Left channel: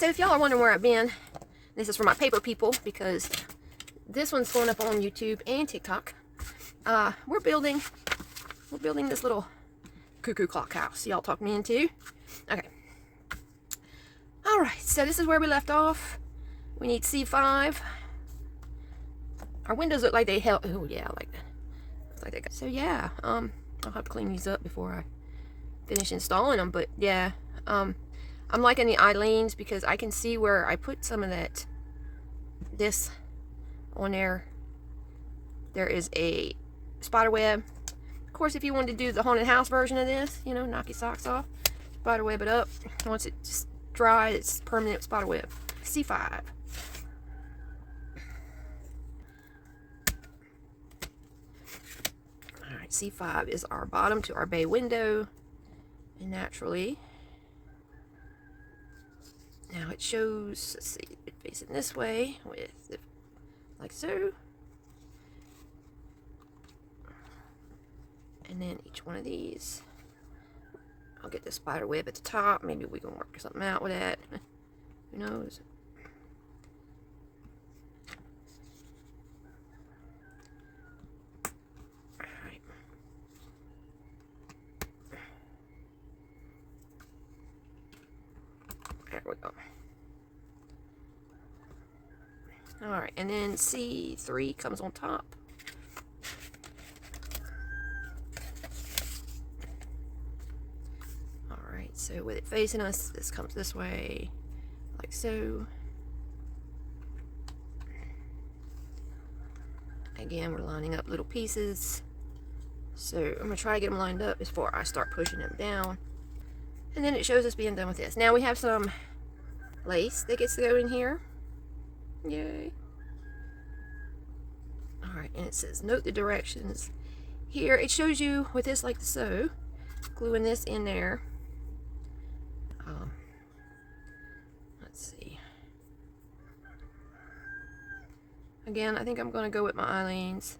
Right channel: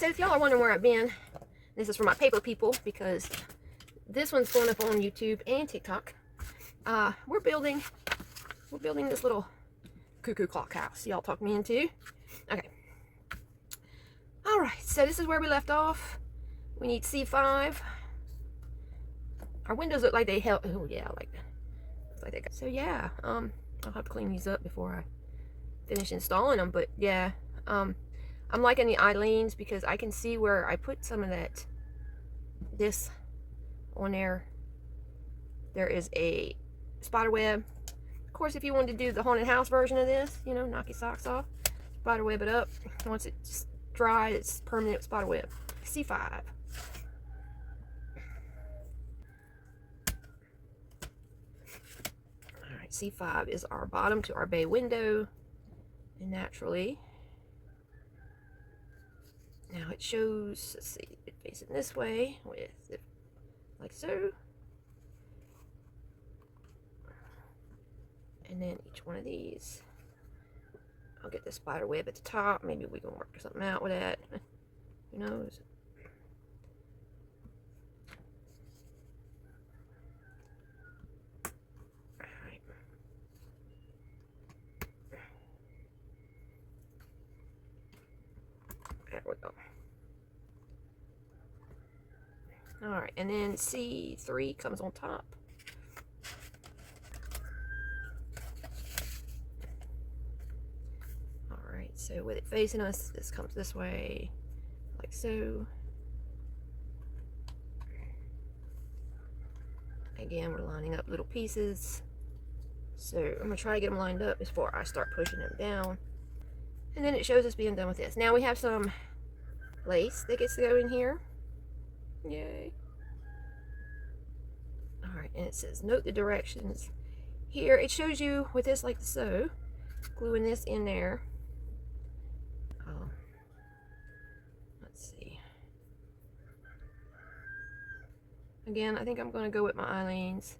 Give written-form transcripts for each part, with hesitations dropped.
so if y'all are wondering where I've been, this is for my paper people, because this one's going up on YouTube and TikTok. We're building this little cuckoo clock house y'all talked me into. Okay. Alright, so this is where we left off. We need C5. Our windows look like they held, oh yeah, like that. Looks like they got, so yeah, I'll have to clean these up before I finish installing them, but yeah, I'm liking the Eileen's because I can see where I put some of this on there. There is a spider web. Of course, if you wanted to do the haunted house version of this, you know, knock your socks off, spider web it up. Once it just dry, it's permanent spider web. C5. Alright, C5 is our bottom to our bay window. And naturally, now it shows, let's see, it facing this way with it like so. And then each one of these, I'll get the spider web at the top. Maybe we can work something out with that. Who knows? Alright. There we go. Alright, and then C3 comes on top. Alright, so with it facing us, this comes this way, like so. Again, we're lining up little pieces. So I'm going to try to get them lined up before I start pushing them down. And then it shows us being done with this. Now we have some lace that gets to go in here. Yay. Alright, and it says note the directions. Here it shows you with this like so. Gluing this in there. Let's see. Again, I think I'm going to go with my Eileen's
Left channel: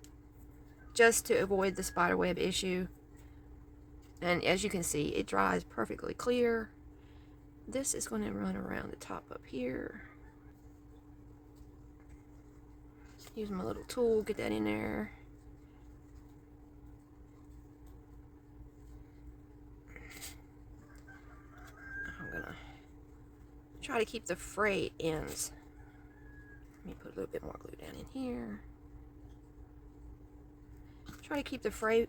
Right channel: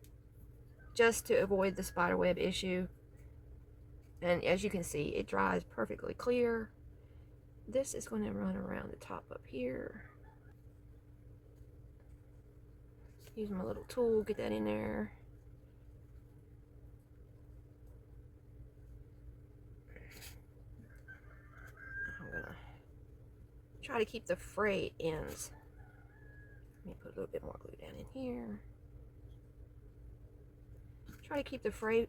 just to avoid the spider web issue. And as you can see, it dries perfectly clear. This is going to run around the top up here. Use my little tool, get that in there. I'm gonna try to keep the frayed ends. Let me put a little bit more glue down in here. Try to keep the frayed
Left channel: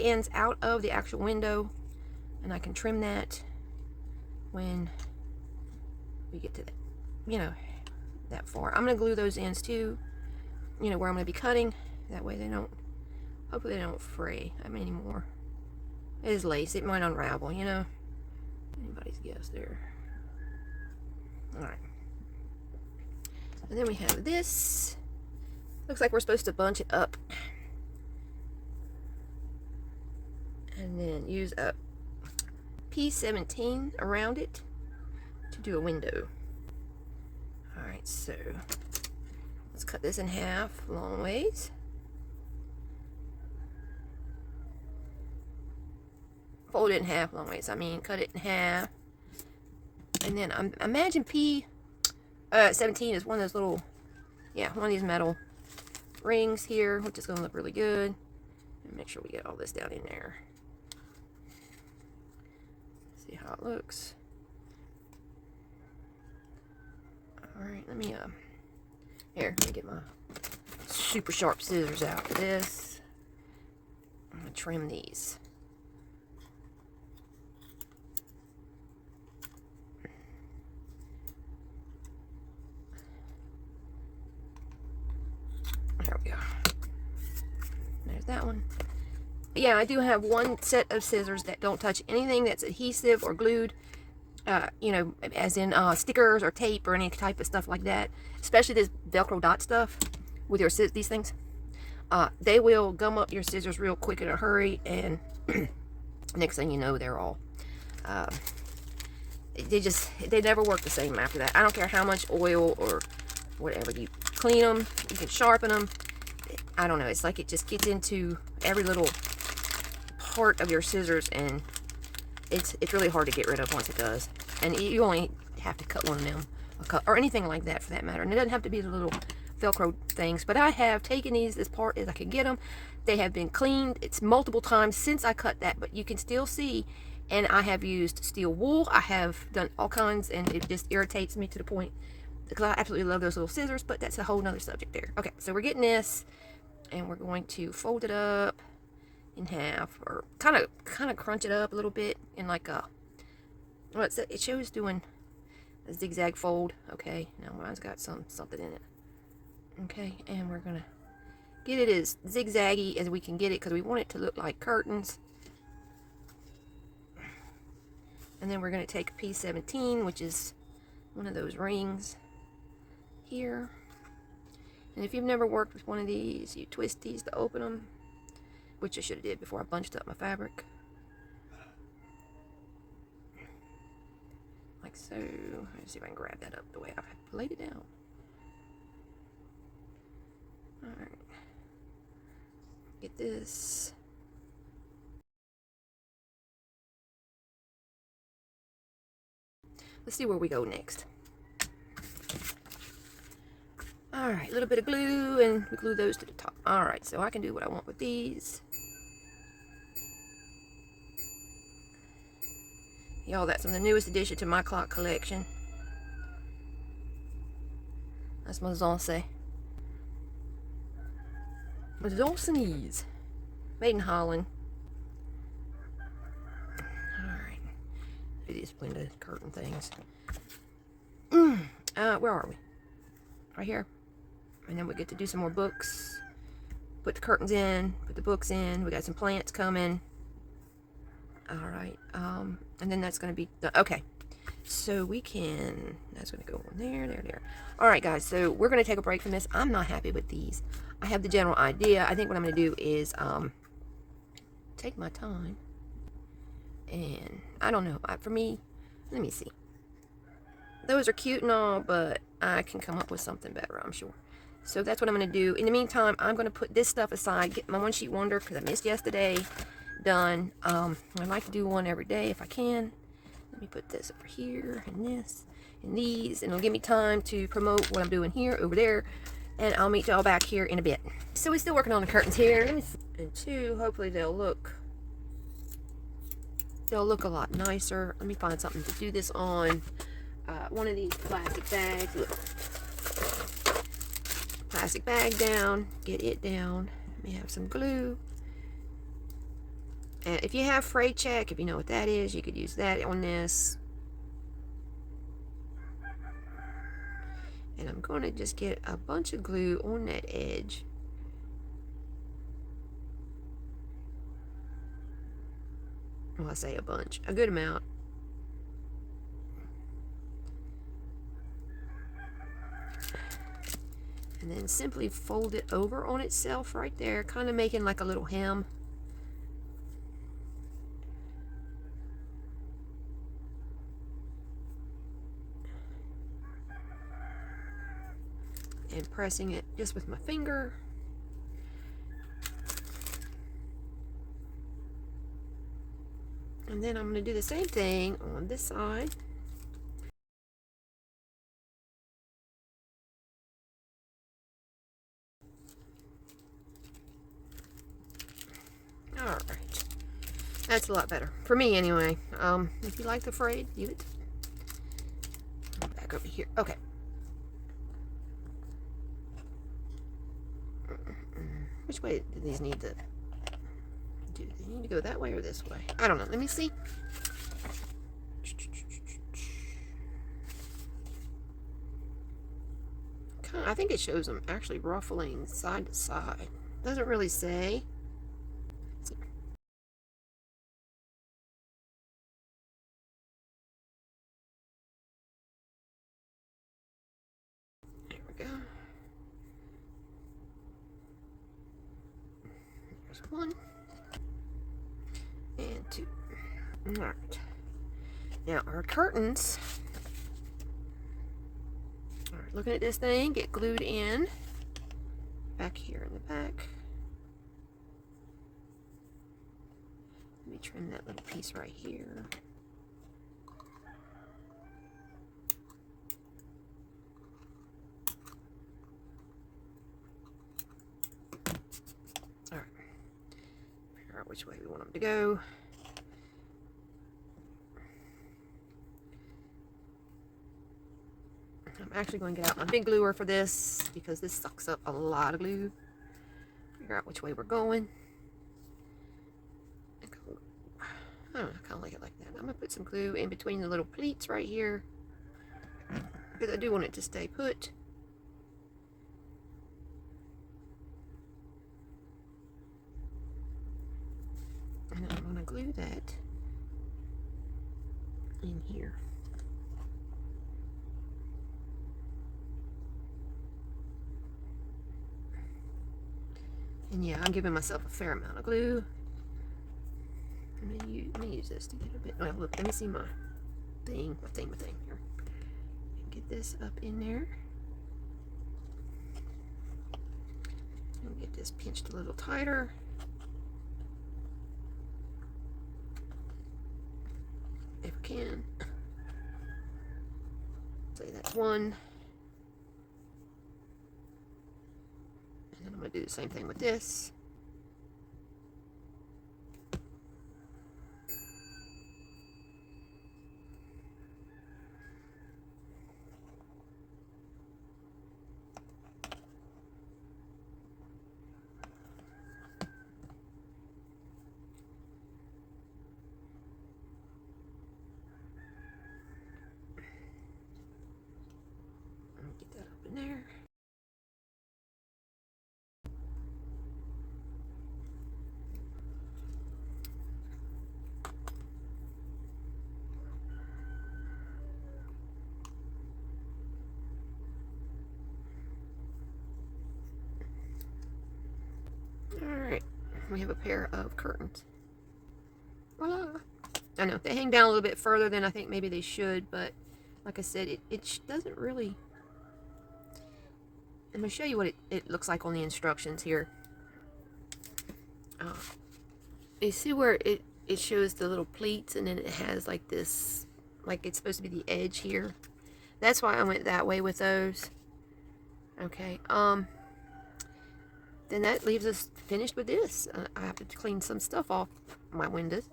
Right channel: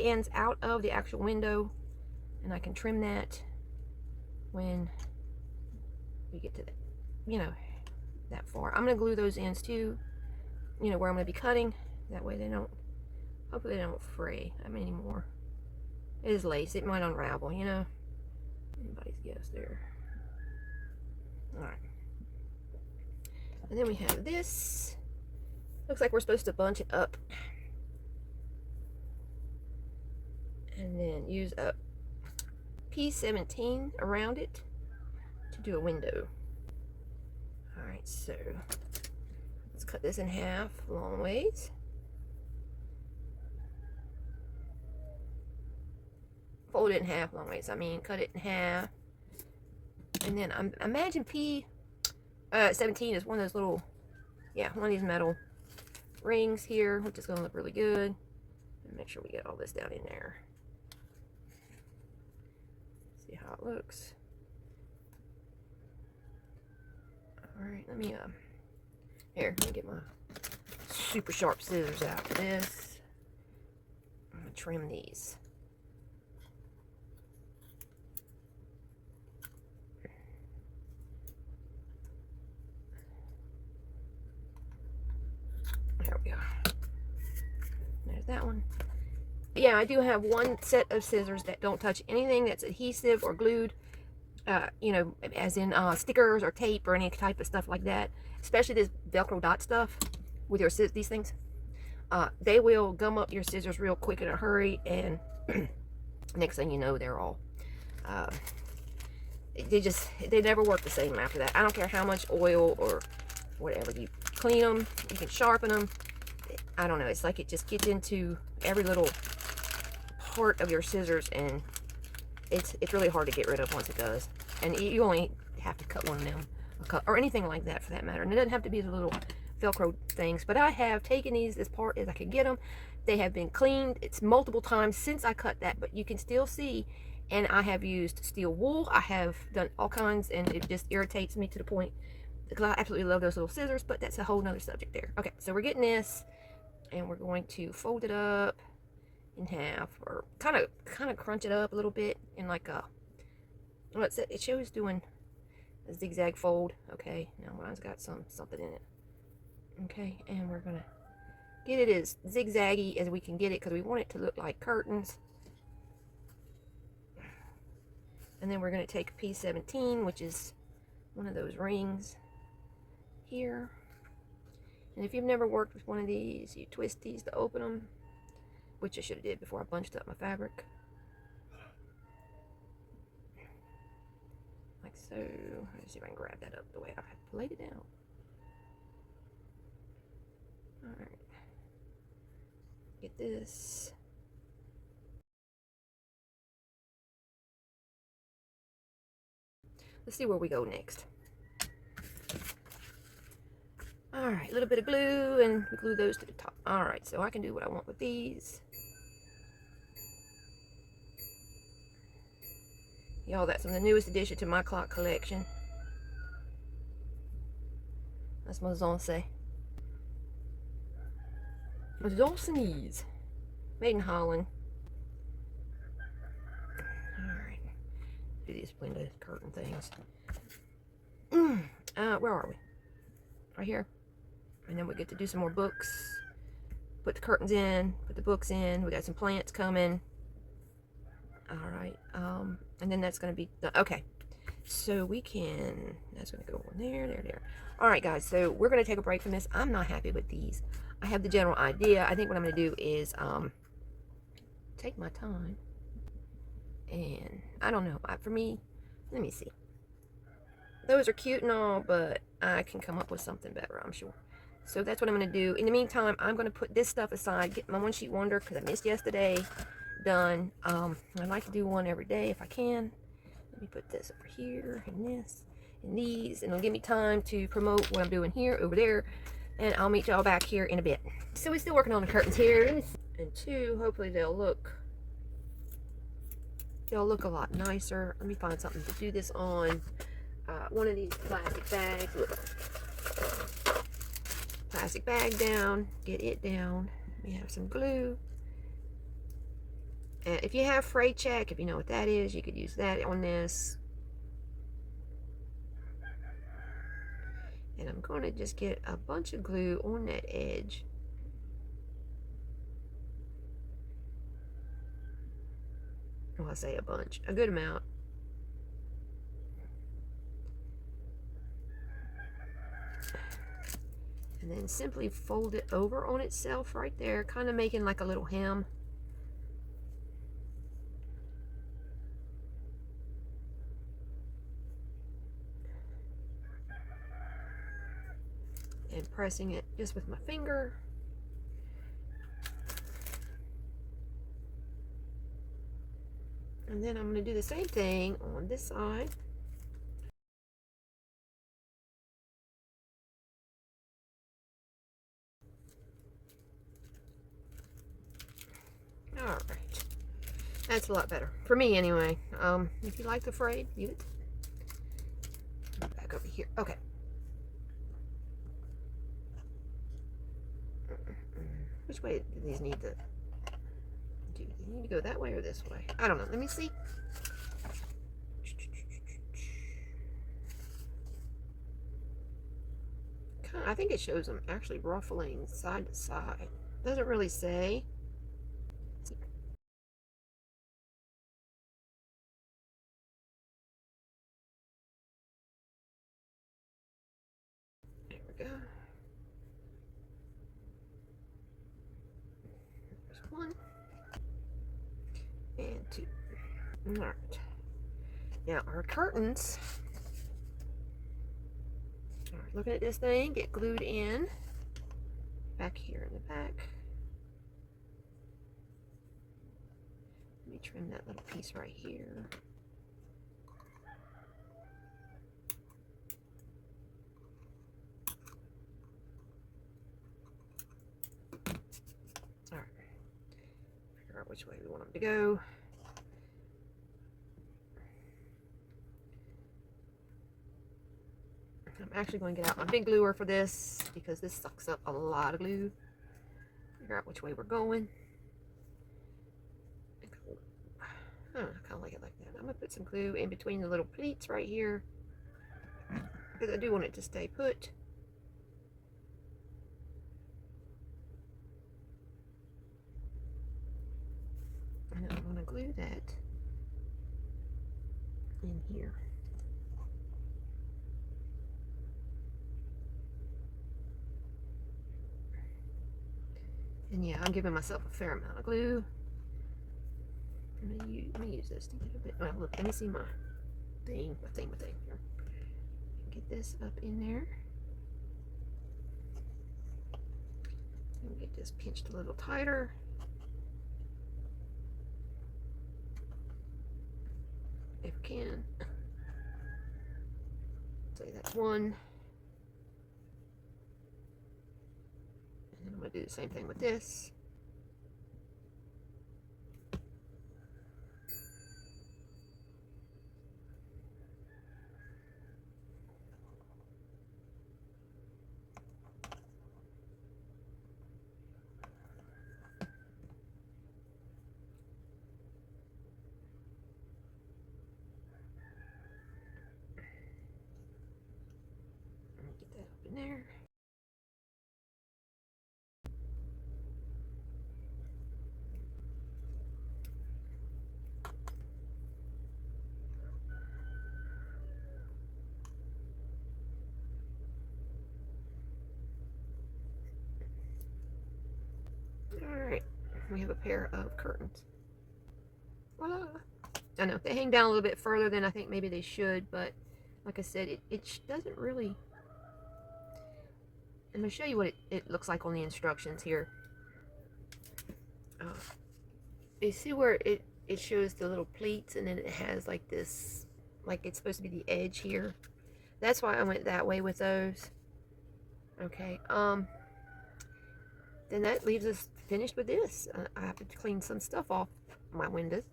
ends out of the actual window, and I can trim that when we get to that, you know, that far. I'm gonna glue those ends too, you know, where I'm gonna be cutting. That way they don't, hopefully they don't fray anymore. It is lace, it might unravel, you know. Anybody's guess there. Alright. And then we have this. Looks like we're supposed to bunch it up. And then use a P17 around it to do a window. Alright, so let's cut this in half long ways. Fold it in half long ways, I mean cut it in half. And then imagine P17 is one of those little, yeah, one of these metal rings here, which is going to look really good. And make sure we get all this down in there. See how it looks. Alright, let me get my super sharp scissors out for this. I'm going to trim these. There we go. There's that one. Yeah, I do have one set of scissors that don't touch anything that's adhesive or glued, you know, as in stickers or tape or any type of stuff like that. Especially this Velcro dot stuff with your these things. They will gum up your scissors real quick in a hurry, and next thing you know, they're all they never work the same after that. I don't care how much oil or whatever you clean them, you can sharpen them. I don't know, it's like it just gets into every little part of your scissors, and it's really hard to get rid of once it does. And you only have to cut one of them, or anything like that for that matter. And it doesn't have to be the little Velcro things. But I have taken these as part as I could get them. They have been cleaned. It's multiple times since I cut that, but you can still see. And I have used steel wool. I have done all kinds, and it just irritates me to the point because I absolutely love those little scissors, but that's a whole nother subject there. Okay, so we're getting this, and we're going to fold it up in half, or kind of crunch it up a little bit in like a, well, it shows doing a zigzag fold. Okay, now mine's got something in it. Okay, and we're gonna get it as zigzaggy as we can get it because we want it to look like curtains. And then we're going to take a P17, which is one of those rings here. And if you've never worked with one of these, you twist these to open them, which I should have did before I bunched up my fabric. Like so. Let's see if I can grab that up the way I laid it down. Alright. Get this. Let's see where we go next. Alright, a little bit of glue, and we glue those to the top. Alright, so I can do what I want with these. Y'all, that's from the newest addition to my clock collection. That's my Zonse. Zonsenese. Made in Holland. Alright. These blended curtain things. Where are we? Right here. And then we get to do some more books. Put the curtains in, put the books in. We got some plants coming. Alright. And then that's going to be done. Okay. So we can, that's going to go on there. Alright guys, so we're going to take a break from this. I'm not happy with these. I have the general idea. I think what I'm going to do is take my time. And I don't know, for me, let me see. Those are cute and all, but I can come up with something better, I'm sure. So that's what I'm going to do. In the meantime, I'm going to put this stuff aside, get my one sheet wonder because I missed yesterday done. I like to do one every day if I can. Let me put this over here and this and these, and it'll give me time to promote what I'm doing here, over there, and I'll meet y'all back here in a bit. So we're still working on the curtains here. And two, hopefully they'll look a lot nicer. Let me find something to do this on. One of these plastic bags. Plastic bag down. Get it down. Let me have some glue. And if you have fray check, if you know what that is, you could use that on this. And I'm going to just get a bunch of glue on that edge. Well, I say a bunch, a good amount. And then simply fold it over on itself right there, kind of making like a little hem. And pressing it just with my finger. And then I'm going to do the same thing on this side. Alright. That's a lot better. For me, anyway. If you like the frayed, leave it. Back over here. Okay. Which way do these need to... Do they need to go that way or this way? I don't know. Let me see. I think it shows them actually ruffling side to side. Doesn't really say. There we go. There's one. And two. Alright. Now our curtains. Alright, looking at this thing, get glued in. Back here in the back. Let maybe trim that little piece right here. All right, figure out which way we want them to go. I'm actually going to get out my big gluer for this because this sucks up a lot of glue. Figure out which way we're going. I don't know, I kind of like it like that. I'm going to put some glue in between the little pleats right here because I do want it to stay put. And I'm going to glue that in here. And yeah, I'm giving myself a fair amount of glue. Let me use this to get a bit. Well, look, let me see my thing here. Get this up in there. And get this pinched a little tighter. If I can. Say that's one. And then I'm going to do the same thing with this. Get that up in there. Alright, we have a pair of curtains. Voila! I know, they hang down a little bit further than I think maybe they should, but like I said, it doesn't really... I'm going to show you what it looks like on the instructions here. You see where it shows the little pleats and then it has like this, like it's supposed to be the edge here. That's why I went that way with those. Okay, then that leaves us finished with this. I have to clean some stuff off my windows,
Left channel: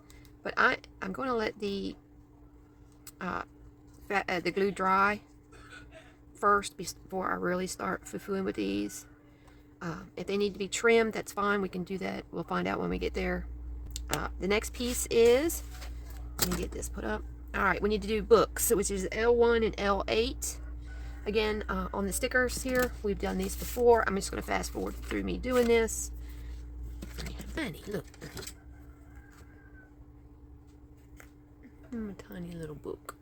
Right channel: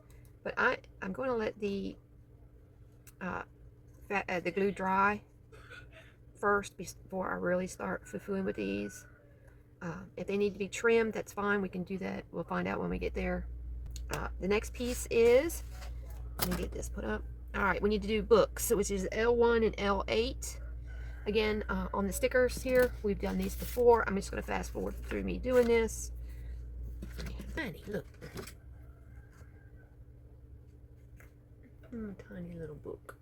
but I'm going to let the glue dry first before I really start foo-fooing with these. If they need to be trimmed, that's fine. We can do that. We'll find out when we get there. The next piece is, let me get this put up. All right, we need to do books, which is L1 and L8. Again, on the stickers here, we've done these before. I'm just going to fast forward through me doing this. Tiny, look. Tiny little book.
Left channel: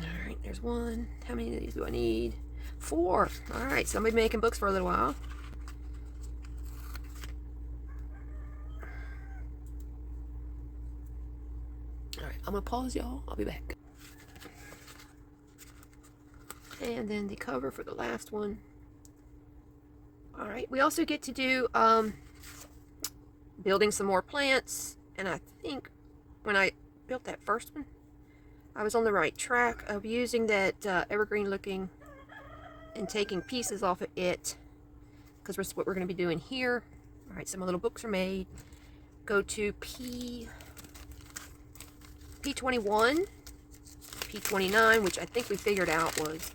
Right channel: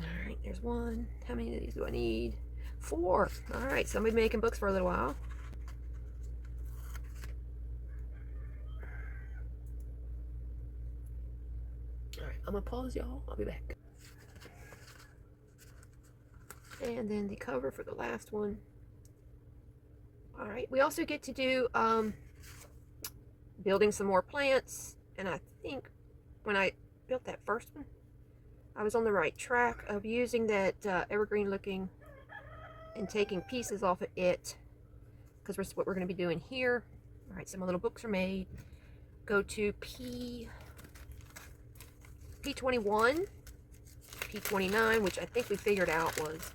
All right, there's one. How many of these do I need? 4. All right, somebody making books for a little while. All right, I'm gonna pause, y'all. I'll be back. And then the cover for the last one. All right, we also get to do building some more plants. And I think when I built that first one, I was on the right track of using that evergreen looking and taking pieces off of it, because that's what we're going to be doing here. All right, some little books are made. Go to P21, P29, which I think we figured out was,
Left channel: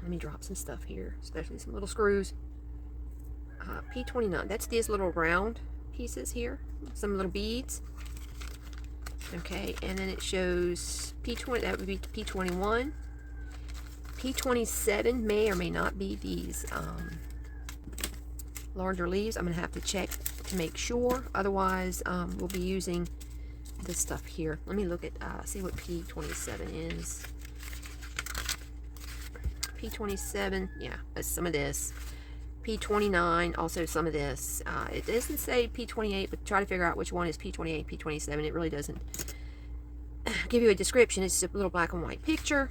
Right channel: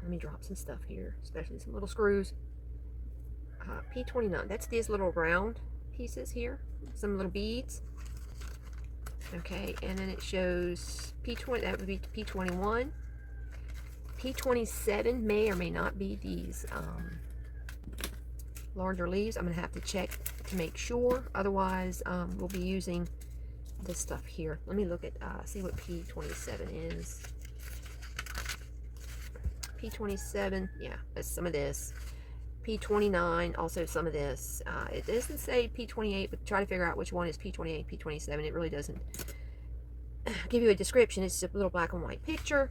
let me drop some stuff here, especially some little screws. P29, that's these little round pieces here, some little beads. Okay, and then it shows P20, that would be P21. P27 may or may not be these larger leaves. I'm going to have to check to make sure. Otherwise, we'll be using this stuff here. Let me look at, see what P27 is. P27, yeah, that's some of this. P29, also some of this. It doesn't say P28, but try to figure out which one is P28, P27. It really doesn't give you a description. It's just a little black and white picture.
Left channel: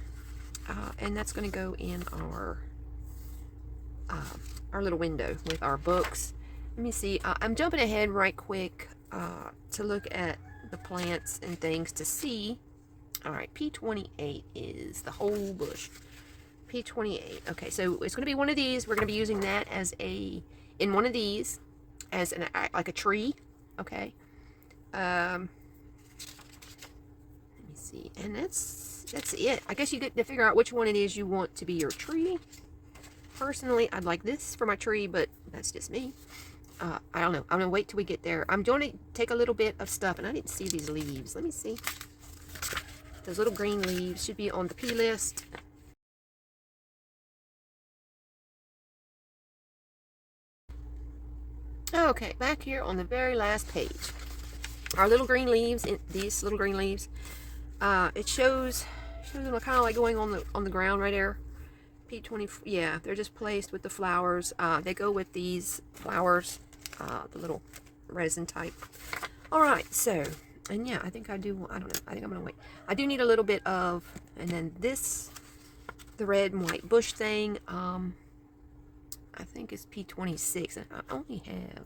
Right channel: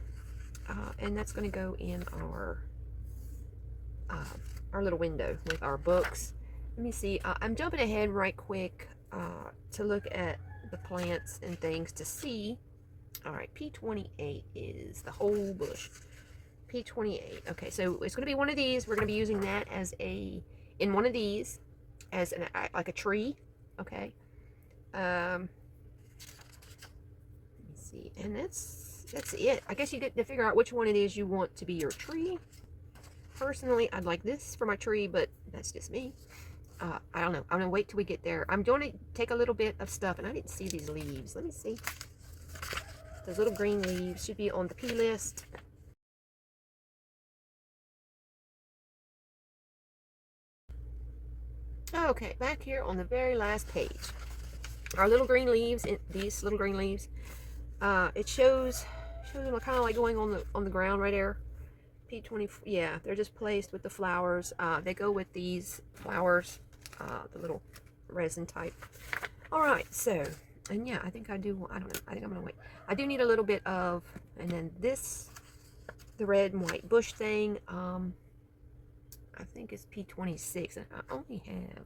And that's going to go in our our little window with our books. Let me see. I'm jumping ahead right quick to look at the plants and things to see. All right, P28 is the whole bush. P28. Okay, so it's going to be one of these. We're going to be using that as in one of these as like a tree. Okay. Let me see. And that's it. I guess you get to figure out which one it is you want to be your tree. Personally, I'd like this for my tree, but that's just me. I don't know. I'm going to wait till we get there. I'm going to take a little bit of stuff, and I didn't see these leaves. Let me see. Those little green leaves should be on the P list. Okay, back here on the very last page. Our little green leaves, these little green leaves, it shows them kind of like going on the ground right there. P20, yeah, they're just placed with the flowers. They go with these flowers, the little resin type. All right, so, and yeah, I think I do, I don't know, I think I'm gonna wait. I do need a little bit of, and then this, the red and white bush thing, I think it's P26, and I only have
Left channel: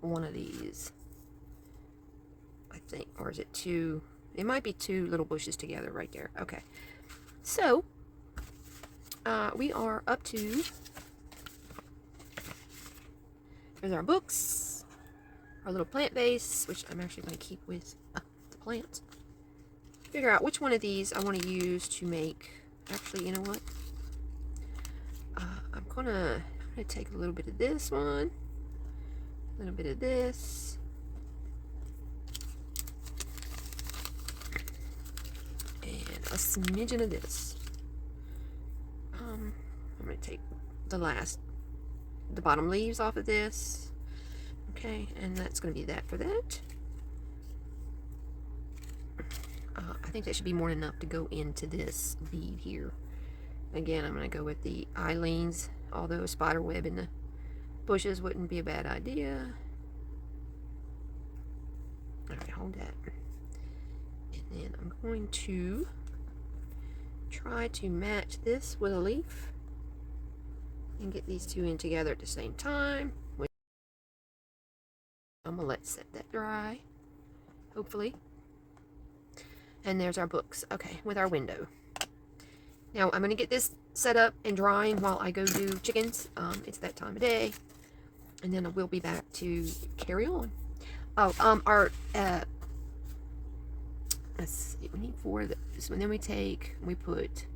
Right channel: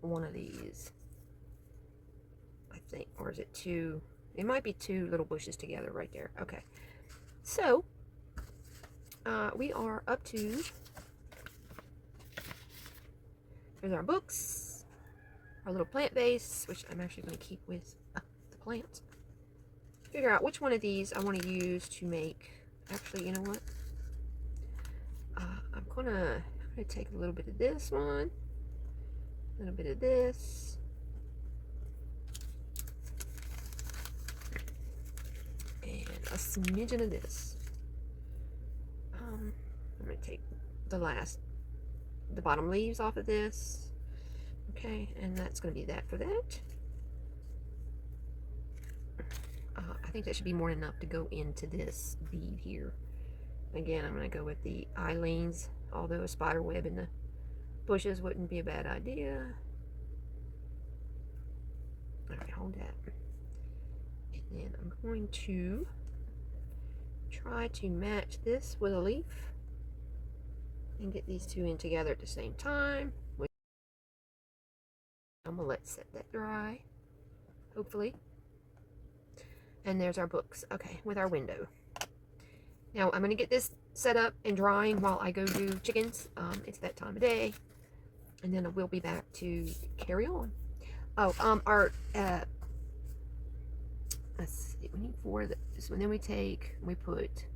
one of these, I think, or is it two? It might be two little bushes together right there. Okay, so we are up to, here's our books, our little plant vase, which I'm actually going to keep with the plants. Figure out which one of these I want to use to make, actually, you know what? I'm going to take a little bit of this one, a little bit of this, and a smidgen of this. I'm going to take the bottom leaves off of this. Okay, and that's going to be that for that. I think that should be more than enough to go into this bead here. Again, I'm going to go with the Eileen's, although a spider web in the bushes wouldn't be a bad idea. Alright, hold that. And then I'm going to try to match this with a leaf and get these two in together at the same time. I'm going to let set that dry, hopefully. And there's our books. Okay, with our window. Now, I'm going to get this set up and drying while I go do chickens. It's that time of day. And then I will be back to carry on. Oh, let's see, we need 4 of those. And then we put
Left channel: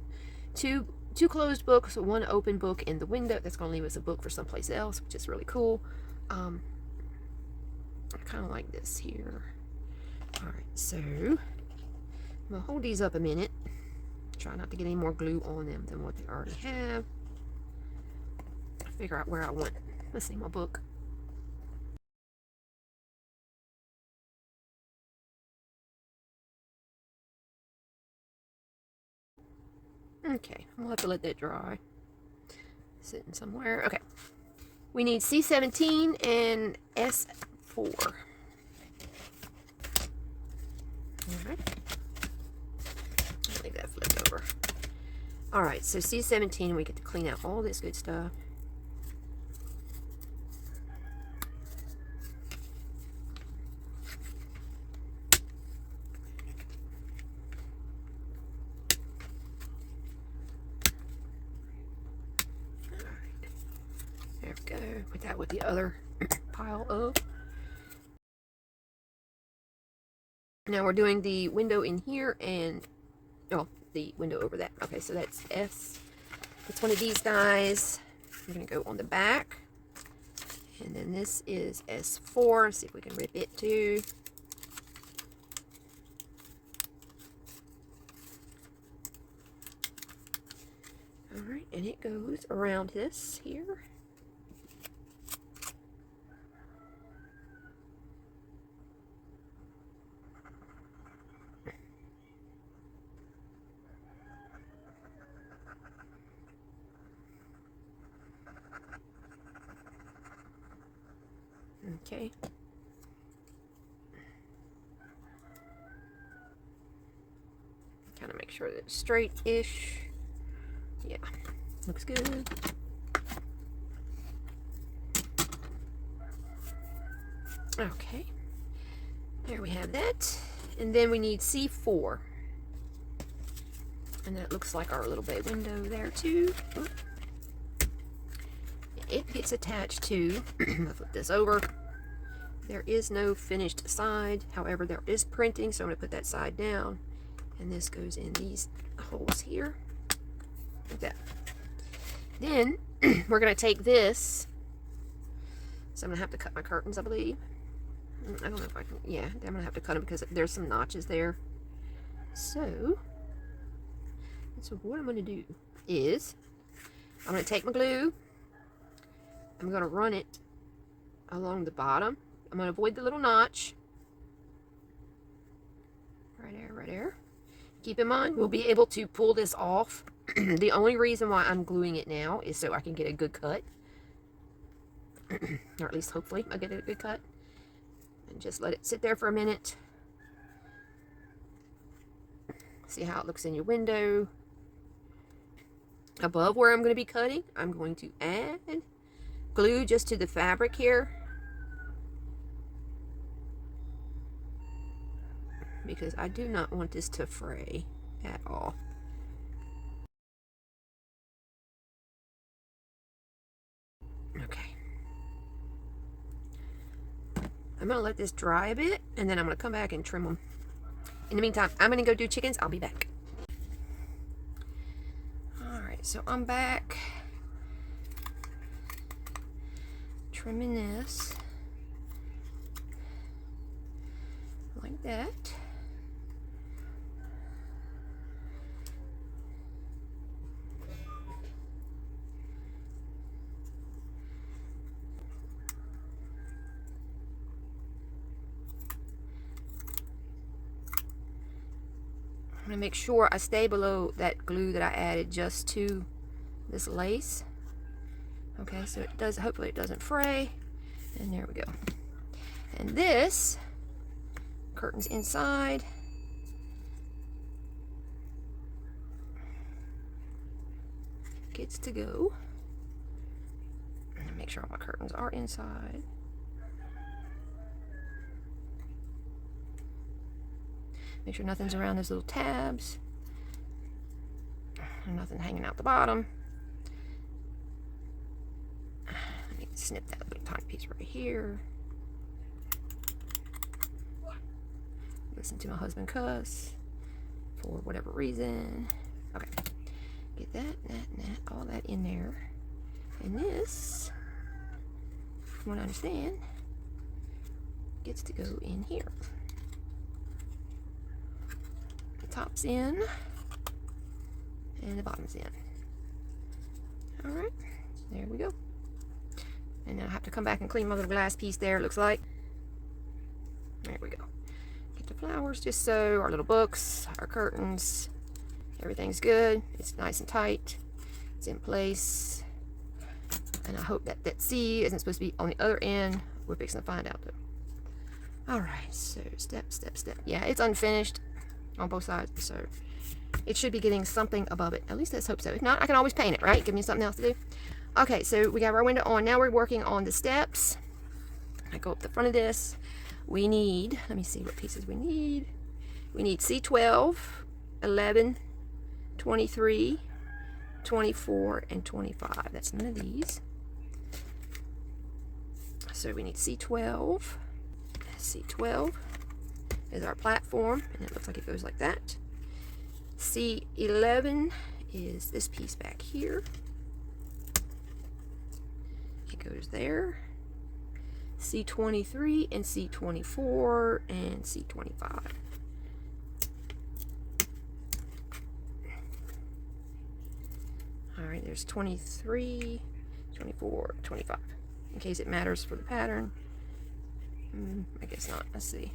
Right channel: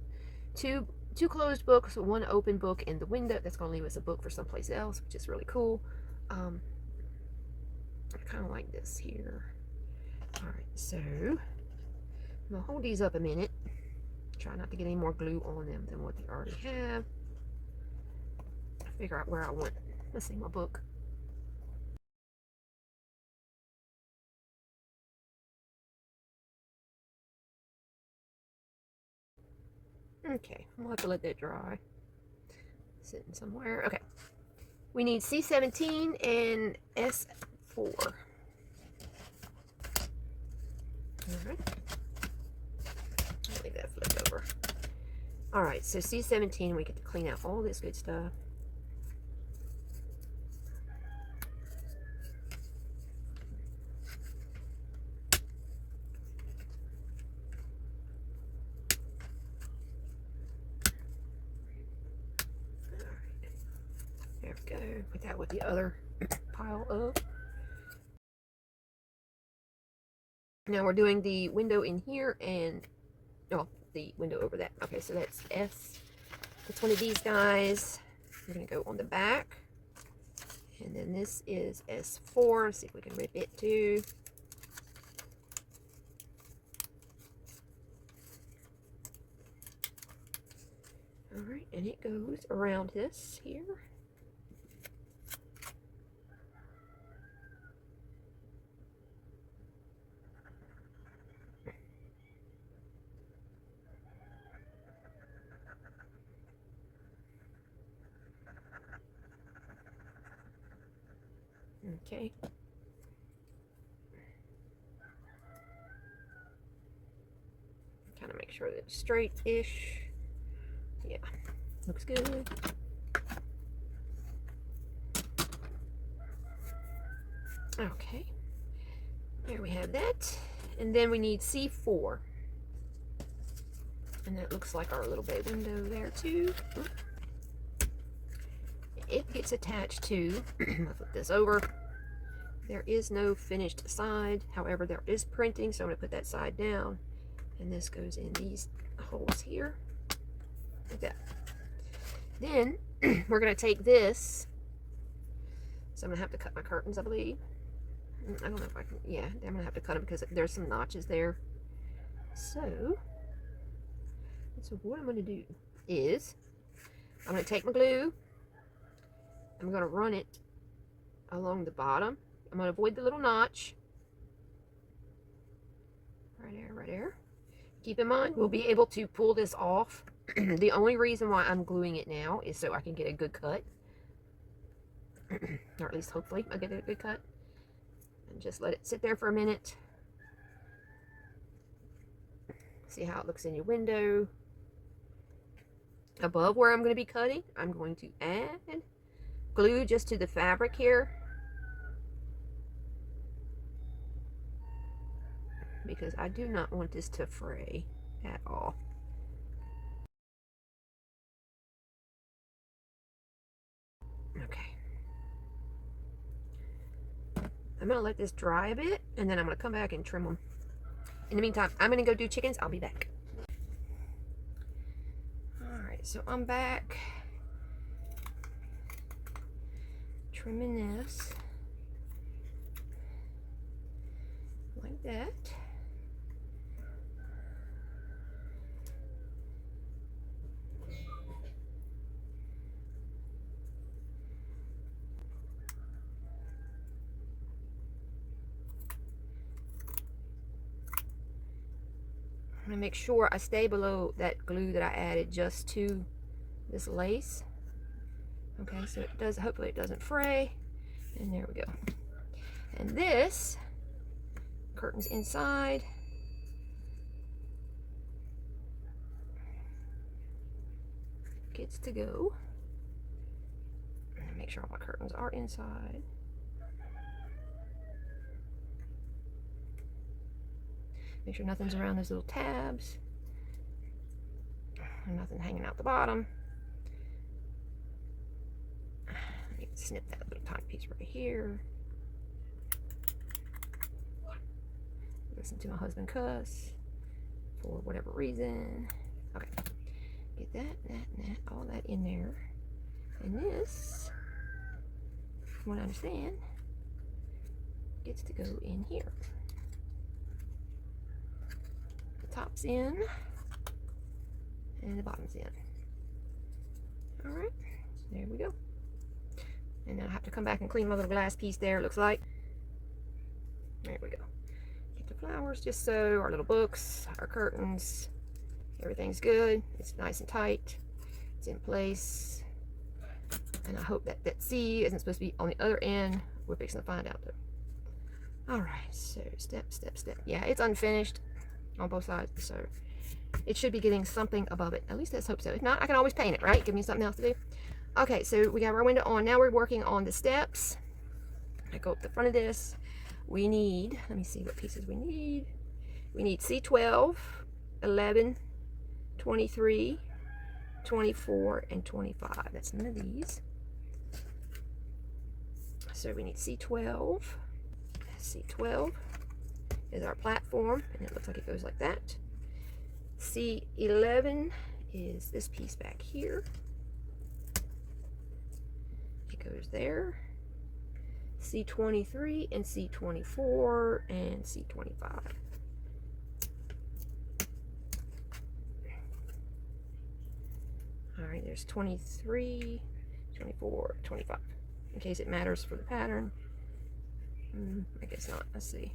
two closed books, 1 open book in the window. That's going to leave us a book for someplace else, which is really cool. I kind of like this here. All right, so I'm going to hold these up a minute. Try not to get any more glue on them than what they already have. Figure out where I want. Let's see, my book. Okay, we'll have to let that dry. Sitting somewhere. Okay. We need C17 and S4. Alright. I'll leave that flipped over. Alright, so C17, we get to clean out all this good stuff. There we go. Put that with the other pile up. Now we're doing the window in here and, oh, the window over that. Okay, so that's S. It's one of these guys. We're going to go on the back. And then this is S4. See if we can rip it too. Alright, and it goes around this here. Okay. Kind of make sure that it's straight-ish. Yeah, looks good. Okay, there we have that. And then we need C4. And that looks like our little bay window there too. It gets attached to, I'll flip this over. There is no finished side. However, there is printing, so I'm going to put that side down. And this goes in these holes here. Like that. Then, we're going to take this. So I'm going to have to cut my curtains, I believe. I don't know if I can, yeah, I'm going to have to cut them because there's some notches there. So what I'm going to do is, I'm going to take my glue. I'm going to run it along the bottom. I'm going to avoid the little notch. Right there, right there. Keep in mind, we'll be able to pull this off. The only reason why I'm gluing it now is so I can get a good cut. Or at least hopefully I get a good cut. And just let it sit there for a minute. See how it looks in your window. Above where I'm going to be cutting, I'm going to add glue just to the fabric here. Because I do not want this to fray at all. Okay. I'm going to let this dry a bit, and then I'm going to come back and trim them. In the meantime, I'm going to go do chickens. I'll be back. Alright, so I'm back. Trimming this. Like that. I'm going to make sure I stay below that glue that I added just to this lace. Okay, so it does, hopefully it doesn't fray. And there we go. And this curtains inside. Gets to go. Make sure all my curtains are inside. Make sure nothing's around those little tabs. And nothing hanging out the bottom. I need to snip that little tiny piece right here. Listen to my husband cuss for whatever reason. Okay. Get that, all that in there. And this, from what I understand, gets to go in here. Top's in and the bottom's in. All right, there we go. And then I have to come back and clean my little glass piece there, it looks like. There we go. Get the flowers just so, our little books, our curtains, everything's good. It's nice and tight. It's in place. And I hope that that C isn't supposed to be on the other end. We're fixing to find out though. All right, so step. Yeah, it's unfinished on both sides, so it should be getting something above it. At least let's hope so. If not, I can always paint it, right? Give me something else to do. Okay, so we got our window on. Now we're working on the steps. I go up the front of this. We need, let me see what pieces we need. We need C12, 11, 23, 24, and 25. That's none of these. So we need C12. C12 is our platform, and it looks like it goes like that. C11 is this piece back here. It goes there. C23 and C24 and C25. All right, there's 23, 24, 25. In case it matters for the pattern. I guess not. Let's see.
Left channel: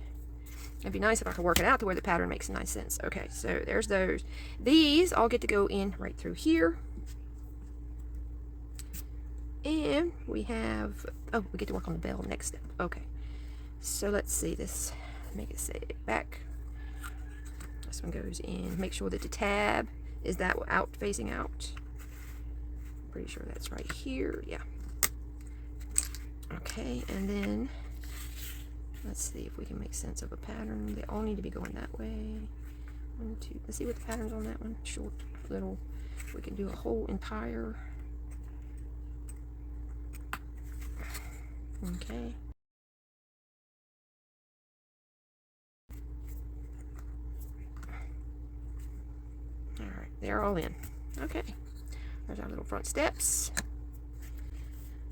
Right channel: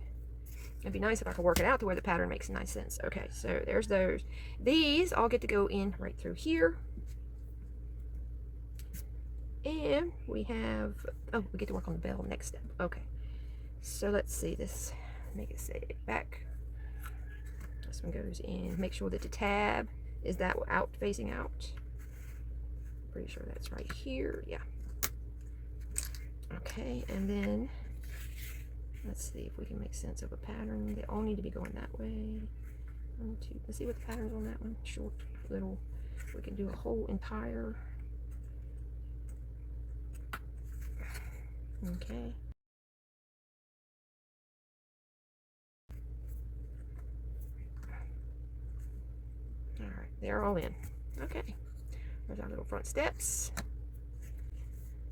It'd be nice if I could work it out to where the pattern makes nice sense. Okay, so there's those. These all get to go in right through here. And we have, oh, we get to work on the bell next step. Okay, so let's see this. Make it say back. This one goes in. Make sure that the tab is that out, facing out. Pretty sure that's right here. Yeah. Okay, and then Let's see if we can make sense of a pattern. They all need to be going that way. 1, 2. Let's see what the pattern's on that one. Short, little. We can do a whole entire. Okay. All right, they're all in. Okay. There's our little front steps.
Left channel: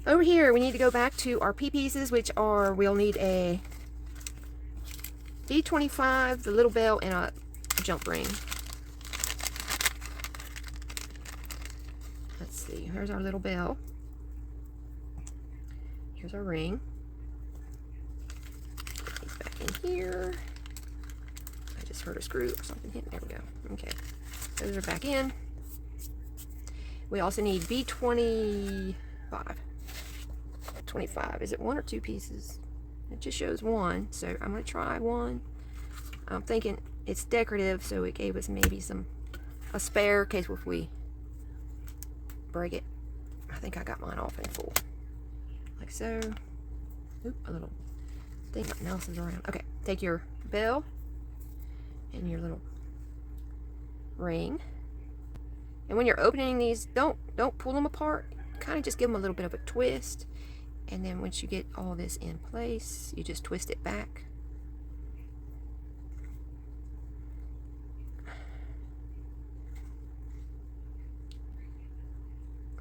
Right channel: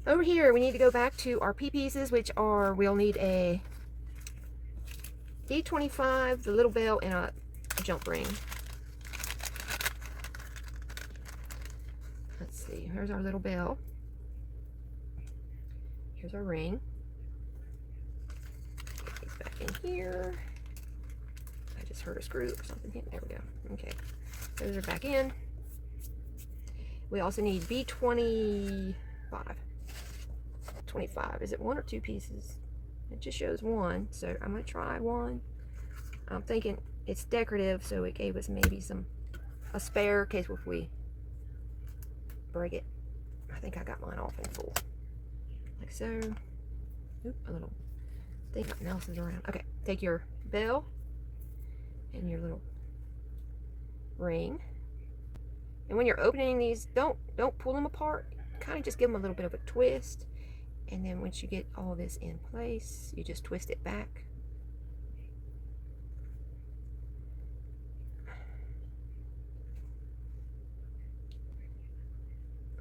Over here, we need to go back to our P pieces, which are, we'll need a B25, the little bell, and a jump ring. Let's see, here's our little bell. Here's our ring. Get these back in here. I just heard a screw or something hit. There we go. Okay, those are back in. We also need B25. 25. Is it 1 or 2 pieces? It just shows 1, so I'm going to try 1. I'm thinking it's decorative, so it gave us maybe a spare in case if we break it. I think I got mine off in full. Like so. Oop, a little thing mouse is around. Okay, take your bell and your little ring. And when you're opening these, don't pull them apart. Kind of just give them a little bit of a twist. And then once you get all this in place, you just twist it back.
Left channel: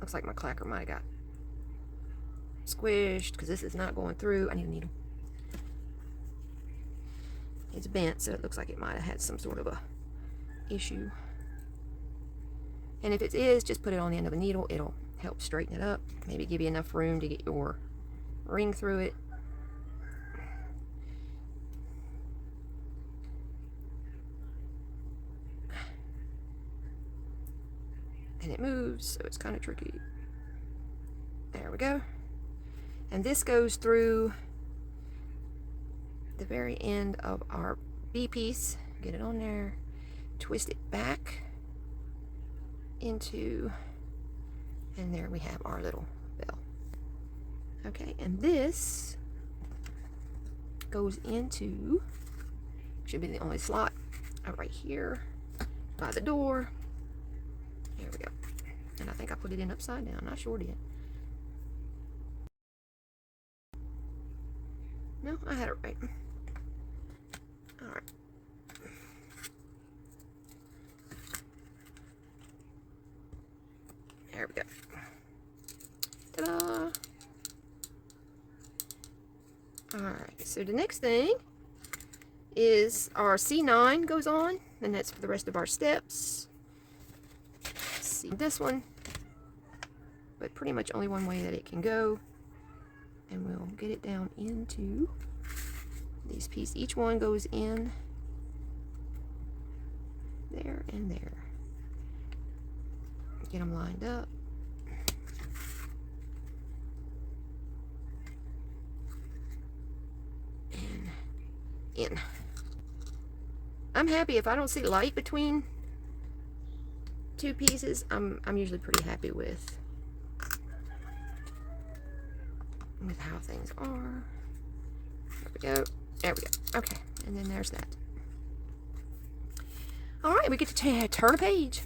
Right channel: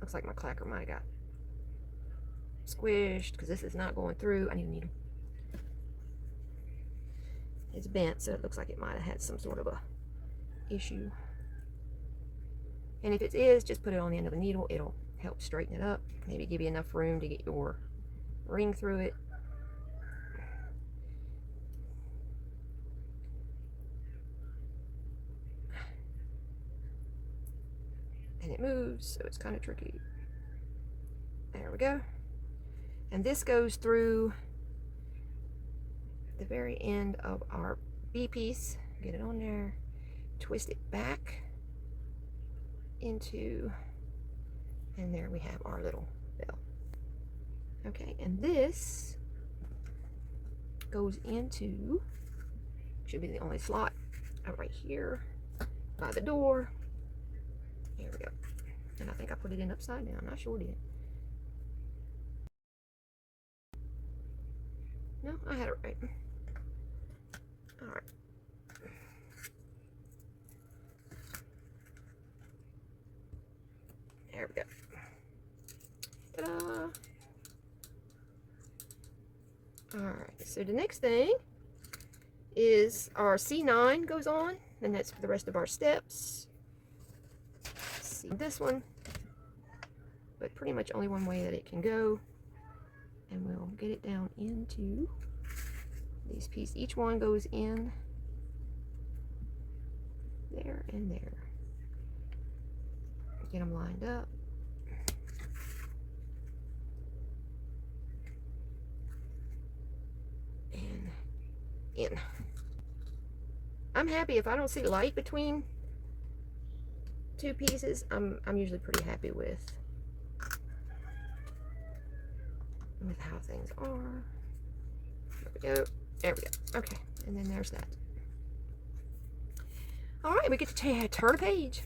Looks like my clacker might have got squished because this is not going through. I need a needle. It's bent, so it looks like it might have had some sort of a issue. And if it is, just put it on the end of a needle. It'll help straighten it up. Maybe give you enough room to get your ring through it. And it moves, so it's kind of tricky. There we go. And this goes through the very end of our B piece. Get it on there, twist it back into, and there we have our little bell. Okay, and this goes into, should be the only slot right here by the door. There we go. And I think I put it in upside down. Not sure yet. No, I had it right. All right. There we go. Ta-da! Alright, so the next thing is our C9 goes on, and that's for the rest of our steps. See this one, but pretty much only one way that it can go. And we'll get it down into these pieces. Each one goes in there and there. Get them lined up. And in. I'm happy if I don't see light between 2 pieces. I'm usually pretty happy with how things are. There we go. There we go. Okay, and then there's that. All right, we get to turn a page.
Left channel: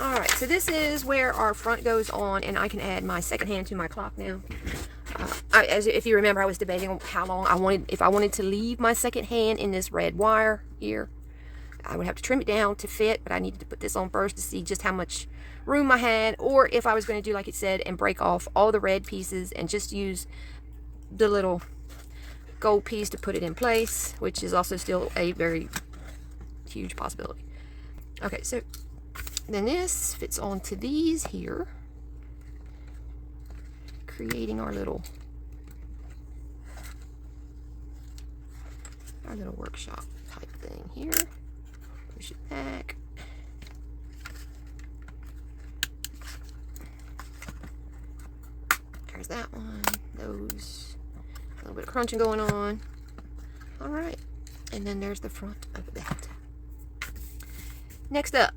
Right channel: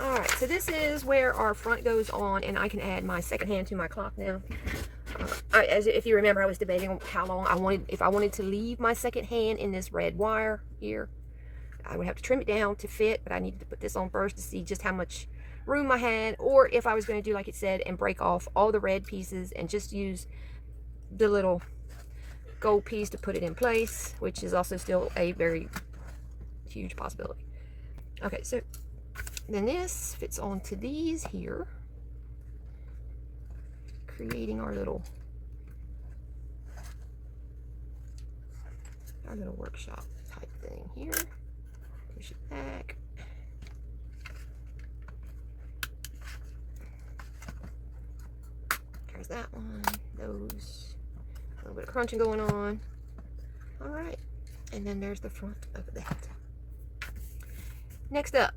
All right, so this is where our front goes on, and I can add my second hand to my clock now. If you remember, I was debating how long if I wanted to leave my second hand in this red wire here. I would have to trim it down to fit, but I needed to put this on first to see just how much room I had, or if I was going to do like it said and break off all the red pieces and just use the little gold piece to put it in place, which is also still a very huge possibility. Okay, so then this fits onto these here, creating our little workshop type thing here. Push it back. There's that one. Those. A little bit of crunching going on. All right. And then there's the front of that. Next up,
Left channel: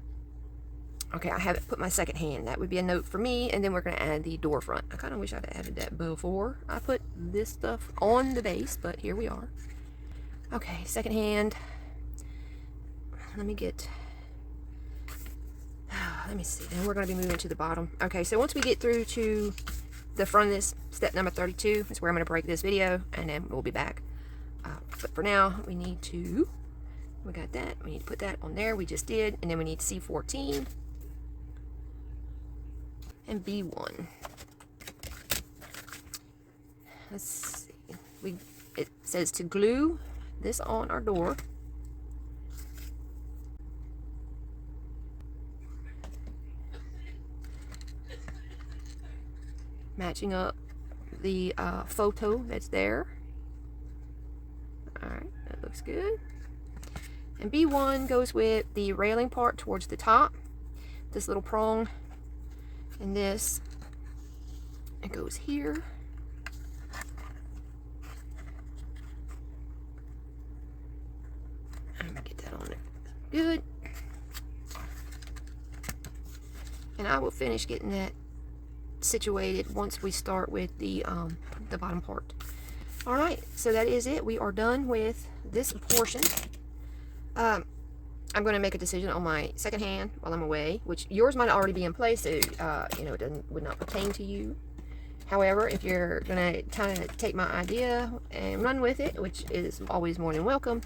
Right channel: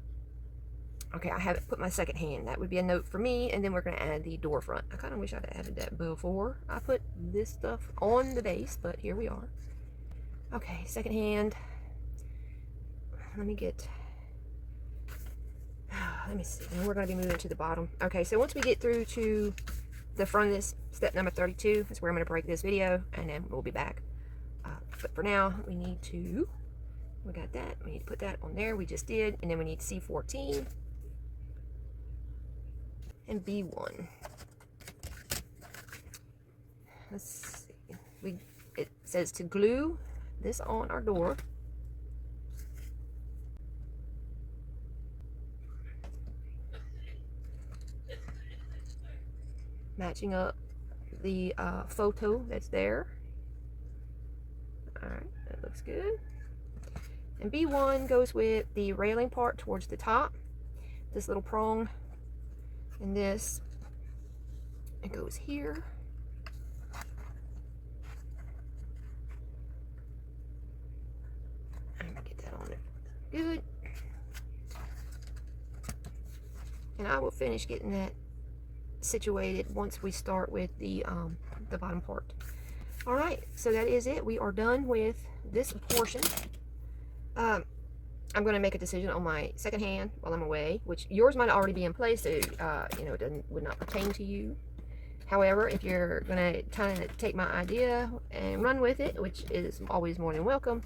Okay, I haven't put my second hand. That would be a note for me, and then we're going to add the door front. I kind of wish I'd added that before I put this stuff on the base, but here we are. Okay, second hand. Let me get... Let me see. And we're going to be moving to the bottom. Okay, so once we get through to the front of this, step number 32, is where I'm going to break this video, and then we'll be back. But for now, we need to... We got that. We need to put that on there. We just did. And then we need C14 and B1. Let's see. It says to glue this on our door. Matching up the photo that's there. Alright, that looks good. And B1 goes with the railing part towards the top. This little prong. And this, it goes here. I'm gonna get that on there. Good. And I will finish getting that situated once we start with the bottom part. All right, so that is it. We are done with this portion. I'm going to make a decision on my second hand while I'm away, which yours might already be in place, so you know, it would not pertain to you. However, if you're going to kind of take my idea and run with it, which is always more than welcome,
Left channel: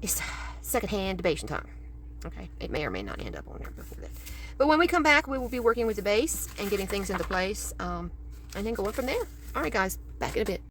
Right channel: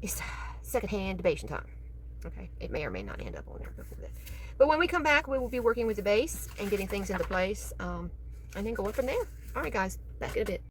it's second hand debating time. Okay, it may or may not end up on there before that. But when we come back, we will be working with the base and getting things into place, and then going from there. All right, guys, back in a bit.